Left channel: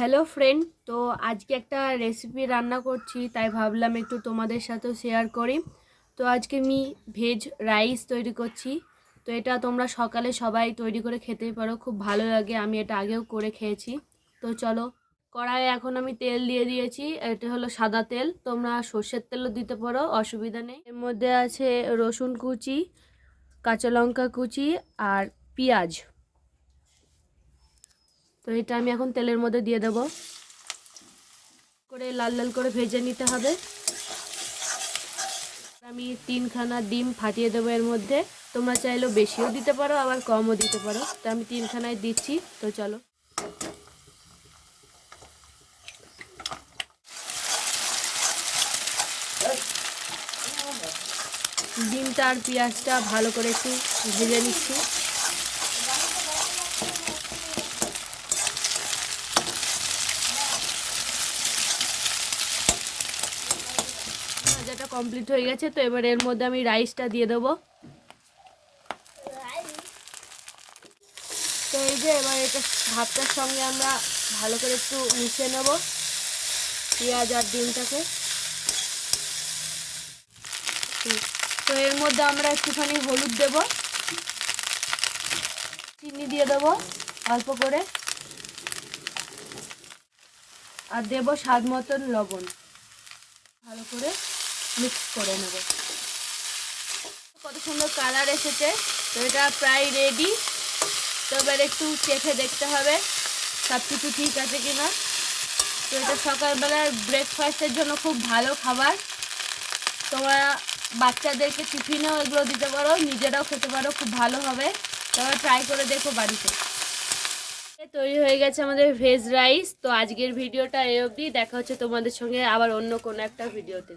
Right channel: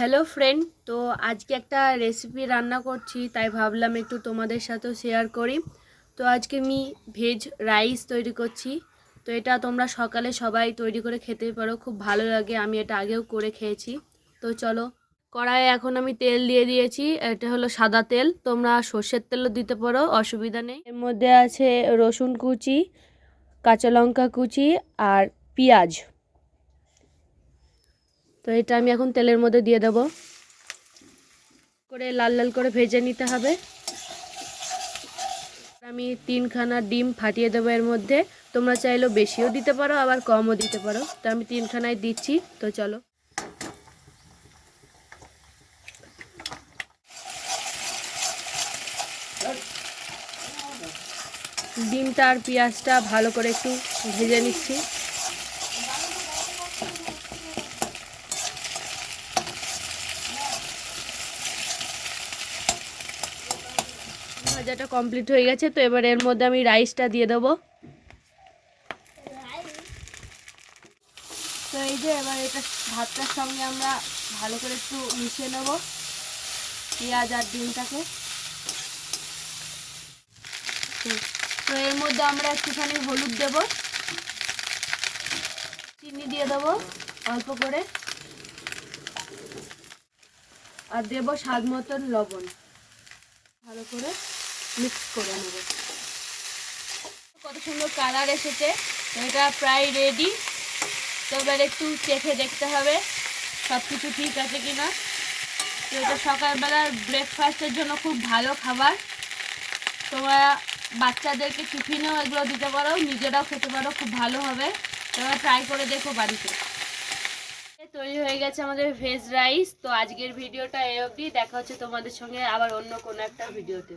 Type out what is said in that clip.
Hello friend, তো আজকে একটা রেসিপি রান্না করছি, তাই ভাবলাম একটু তোমাদের সাথেও শেয়ার করি। তো আজকে আমি ভেজ রাইস তৈরি করছি। তো এটা তোমরা সকালে সবাই তৈরি করে খেতে পারো, খুব ভালো লাগে। আমি এটা আগেও করে খেয়েছি। তো চলো, কড়াইয়ে এখন আমি তেল দিয়ে দিয়েছি। এটা হলো সাদা তেল, তোমরা সর্ষের তেলও দিতে পারো, অসুবিধা নেই। এর মধ্যে আছে রসুন কুচি, কাঁচা লঙ্কা কুচি আর পেঁয়াজ। তো এটা আমি এখন তেলের মধ্যে দিয়ে দেবো, করে লাল লাল করে ভেজে নিতে হবে। আমি 3খানা ডিম ফাটিয়ে দেবো এর মধ্যে। তোমরা চাইলেও বেশিও দিতে পারো, আবার কমও দিতে পারো। তো আমি 3খানায় দিচ্ছি। তো চলো, ডিমটা আর পেঁয়াজটা ভালো করে একটু ভেজে নিচ্ছি। ভাজাটা কমপ্লিট হয়ে গেছে। তো এবার এর মধ্যে আমি রাইসটা দিয়ে দেবো। তো এই যে এবার এটা ভাতটার সঙ্গে আমরা ভালো করে একটু মিশিয়ে নেব পেঁয়াজ আর ডিমটাকে। তো এর মধ্যে আমরা একটুখানি হলুদ দেব, চিনি দিয়ে দেবো অল্প করে, আর দেব স্বাদ মতন লবণ। ভালো করে মিক্স করে নেব। কত সুন্দর কালার এসেছে। তো এটা প্রায় রেডি। তো এবার একটু চেখে দেখতে হবে সব কিছু ঠিক আছে কিনা। তো এটা সকালবেলার ব্রেকফাস্টের জন্য খুব ভালো খাবার। তোমরা বাচ্চাদেরকে টিফিনেও এগুলো দিতে পারো, নিজেরাও খেতে পারো, খুব ভালো হবে। তোমরা ট্রাই করে দেখো বাড়িতে। তৈরি হয়ে গেছে আমাদের ভেজ রাইস। তো আজকের ভিডিওটা এই অবধি। দেখা হচ্ছে তোমাদের সঙ্গে আবার অন্য কোনো একটা ভিডিওতে।